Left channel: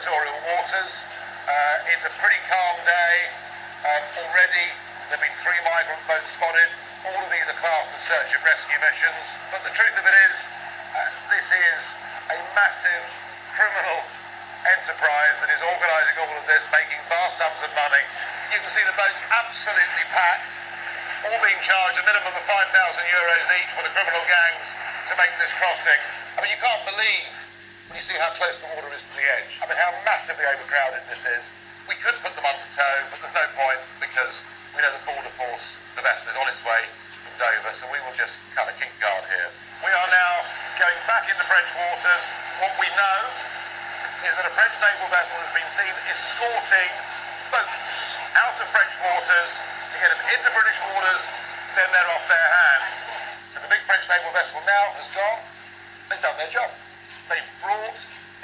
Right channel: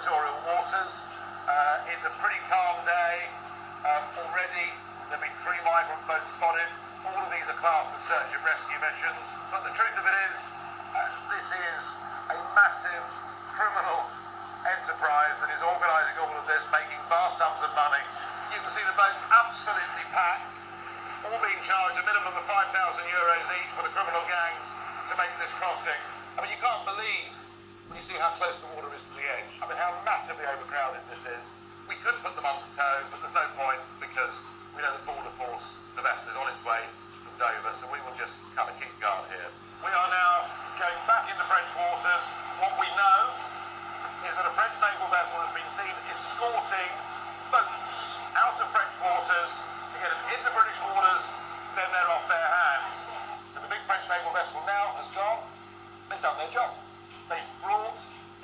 territorial waters. It's a pretty calm day. Already there have been 3 migrant boats spotted. All of these are classed as search and rescue missions. But the truth of it is, this is a massive criminal enterprise that is organising all of this, making vast sums of money. You can see the boats absolutely packed, all being charged a minimum of €5,000 each for the criminal gangs to make this crossing. I mean, you can't believe when you see how close the water is to the edge. I mean, how massively overcrowded this is. We could put them under tow, but there's no point because we know the border force, the vessel is on its way from Dover, so we will just kind of keep guard here. We are now going back into French waters. What we know is that a French naval vessel has been seen escorting boats out of French waters to get them into British waters, then they're off their hands. So the big French naval vessel now has gone. They've done their job. They've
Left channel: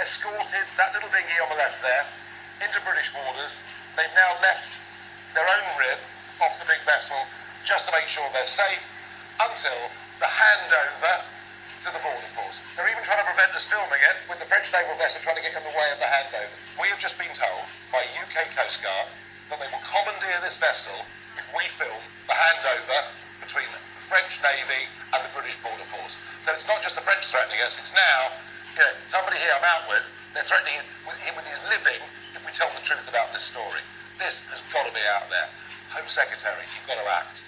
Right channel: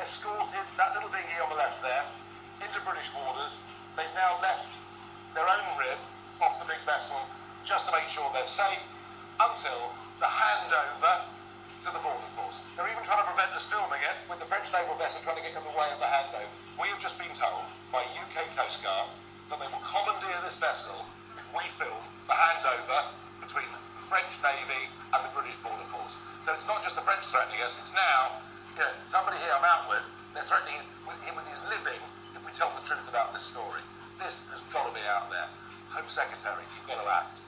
escorted that little dinghy on the left there into British waters. They've now left their own rib off the big vessel just to make sure they're safe until the handover to the border force. They're even trying to prevent us filming it with the French naval vessel trying to get in the way of the handover. We have just been told by UK Coast Guard that they will commandeer this vessel if we film the handover between the French Navy and the British border force. So it's not just the French threatening us, it's now, somebody here I'm out with, they're threatening him with his living if we tell the truth about this story. This has got to be out there. Home Secretary, you've got to act.